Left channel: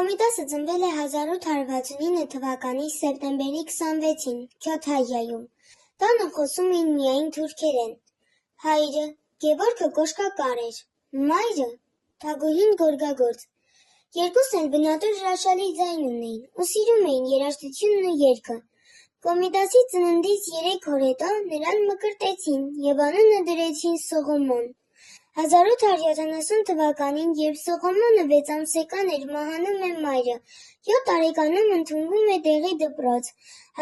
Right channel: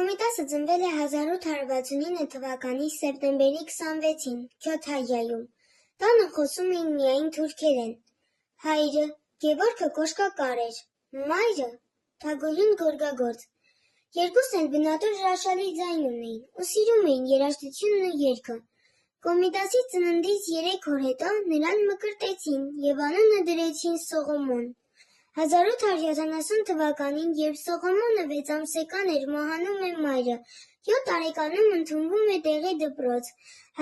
Կոմիտասը ծնվել է 1869 թվականի սեպտեմբերի 26-ին Քյոթայիայում։ Տանը խոսում էին միայն թուրքերեն։ Հայրը Գևորգը կոշկակար էր, մայրը թագուհին գորգագործ։ Երկուսն էլ բնատուր հրաշալի ձայն ունեին ու սիրում էին երաժշտությունն ու երգը։ Կոմիտասի ծննդից 3 օր հետո նրան մկրտեցին և անունը դրեցին Սողոմոն։ 1870 թվականին, երբ Սողոմոնը 6 ամսական էր, մահանում է մայրը, 7 տարեկանում ընդունվում է դեղի դպրոց։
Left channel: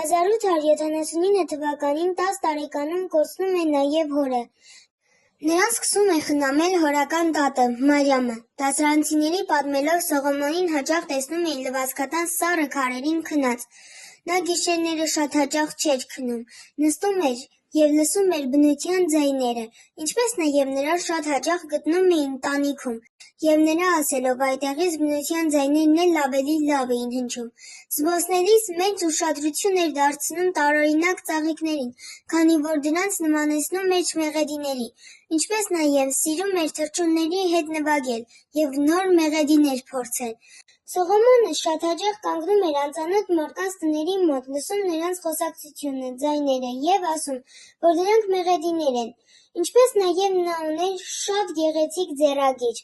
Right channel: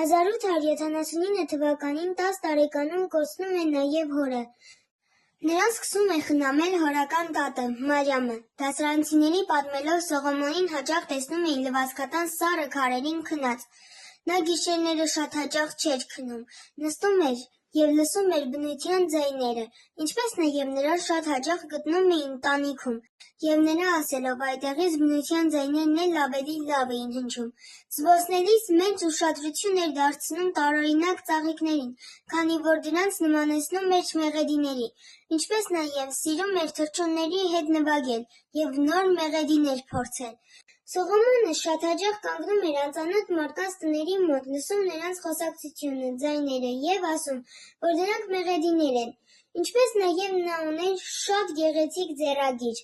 1879 թվականին 10 տարեկանում կորցնում է նաև հորը։ Նրան սկսում է խնամել հորական տատը՝ Մարիամը։ Դասարանցիների պատմելով Սողոմոնին հաճախ տեսնում էին լվացքատան սառը քարերին քնած։ Նա գիշերները շատ հաճախ չէր քնում, նստում էր և լսում էր բնության ձայները, ինչպես նաև նրան շատ հաճախ գտնում էին տանիքում, և նրա ասելով այդտեղից բնության ձայներն էլ ավելի լավ էին հնչում։ Զբոսնելիս մեծ ուշադրություն էր դարձնում տարօրինակ ծաղիկներին, քանի որ դրանց նմանեցնում էր մեղեդիների, ինչպես նաև սիրում էր թռչունների հետ նվագել և նոր մեղեդիներ փորձել։ Սողոմոնը շատ հաճախ կանգնում էր անծանոթ մարդկանց տների մոտ, լսում նրանց խոսակցությունը, ձայները և ասում, որ դրանք մեղեդիներ են, ինչպես նաև նա ուներ շատ գեղեցիկ ձեռագիր։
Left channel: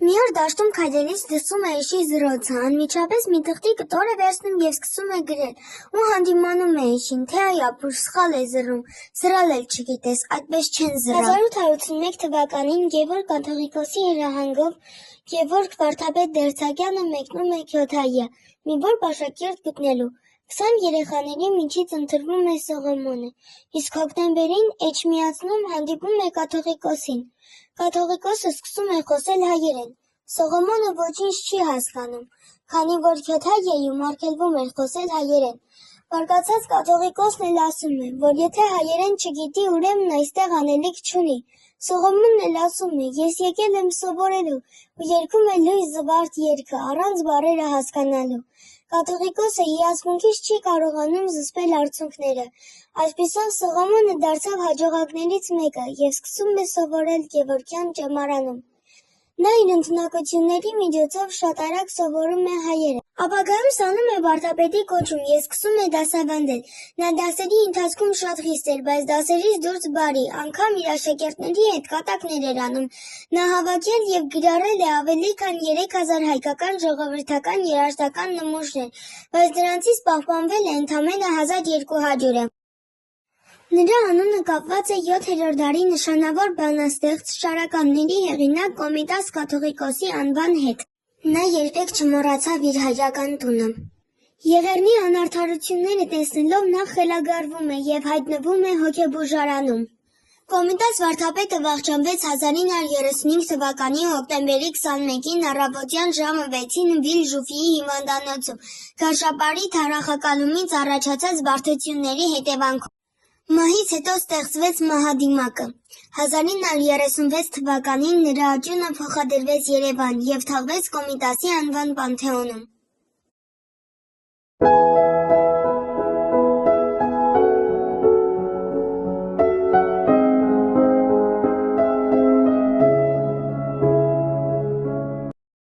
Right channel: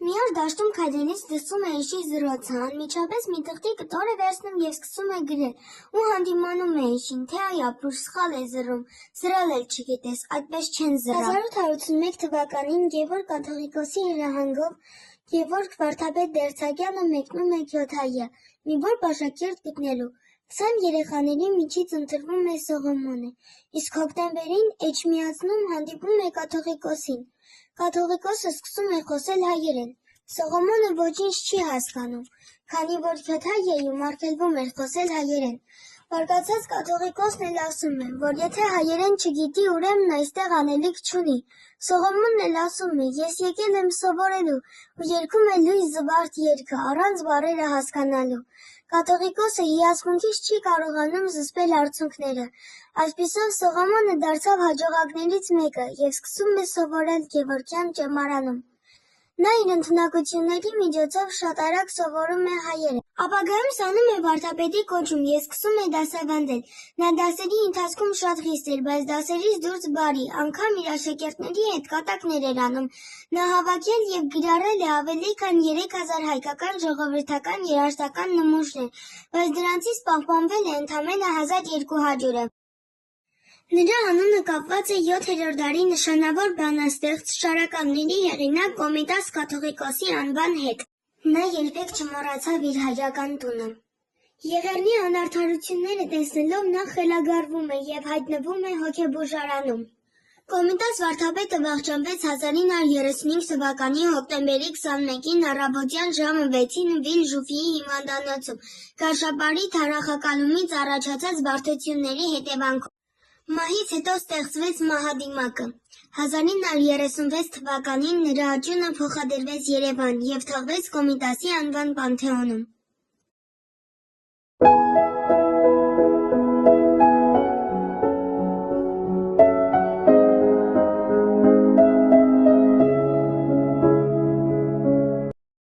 Մի օր դաշտում քայլելիս լսում է էշի զրոցը, անմիջապես մի տղտի կտոր է վերցնում և սկսում է գրել, ու հանդիմանում է էշին, թե այ ապուշ, սխալ է զռում, զռալ էլ չգիտես, այդպես չեն զռա։ 1881 թվականին Գևորգ կաթողիկոսի հրահանգով Գևորգ վարդապետ Դերձակյանը մեկնում է Քյոթայիա, մի որբ աշակերտ գտնելու։ 20 երեխաների միջից ընտրվում է Սողոմոնը, իսկ հոկտեմբերին Էջմիածնում հանդիպում է կաթողիկոսին։ Կաթողիկոսը սկսում է խոսել հայերեն։ Սողոմոնը ոչինչ չի հասկանում, քանի որ Քյոթայիայում արգելվում էր խոսել հայերեն։ Բարկացած կաթողիկոսն էլ ասում է, որ եթե հայերեն չգիտի, ուրեմն այստեղ անելիք չունի։ Սողոմոնն էլ ասում է. «Ես եկել եմ սովորելու» ու երգում է լույս զվարթ երգը, առանց բառերը հասկանալու։ Կաթողիկոսը հիացմունքից չի կարողանում զսպել արցունքները։ Այսպիսով Սողոմոնը դարձավ հաջողակներից մեկը և սկսում է սովորել Գևորգյան ճեմարանում։ Նա իր ընդունակությունների միջոցով շատ արագ սովորում է հայերեն։ Ապագայում ստանում է վարդապետի կոչում և սկսում է դասավանդել։ Նա դասերի ընթացքում շատ խիստ էր, բայց դասերից դուրս բարի, անգամ իր աշակերտների հետ կատակներ էր անում։ Նա հավաքել և կիրառել է ավելի քան 3000 հայկական ժողովրդական երաժշտական նմուշներ, բայց դրանցից պահպանվել է ընդամենը 1200-ը։ Նրա անունը կապված է 7-րդ դարի նշանավոր բանաստեղծ, ճարականների հեղինակ Կոմիտաս կաթողիկոսի անվան հետ։ Նա երբեք չմոռացավ իր հայրական տունը։ Եղեռնի անարդարությունները տեսնելով նա խելագարվում է և հայտնվում է հոգեբուժարանում։ Կոմիտաս վարդապետը վախճանվեց 1935 թվականի հոկտեմբերի 21-ին առավոտյան ժամը 6-ին Վիլ Ժուֆիի հիվանդանոցում գարշապարի թարախակալումից առաջացած բարդությունների հետևանքով։ Մահից հետո ստեղծվեց մահադիմակը։ 1936 թվականին նրա աճյունը փոխադրվեց Երևան և թաղվեց Կոմիտասի անվան պանթեոնում։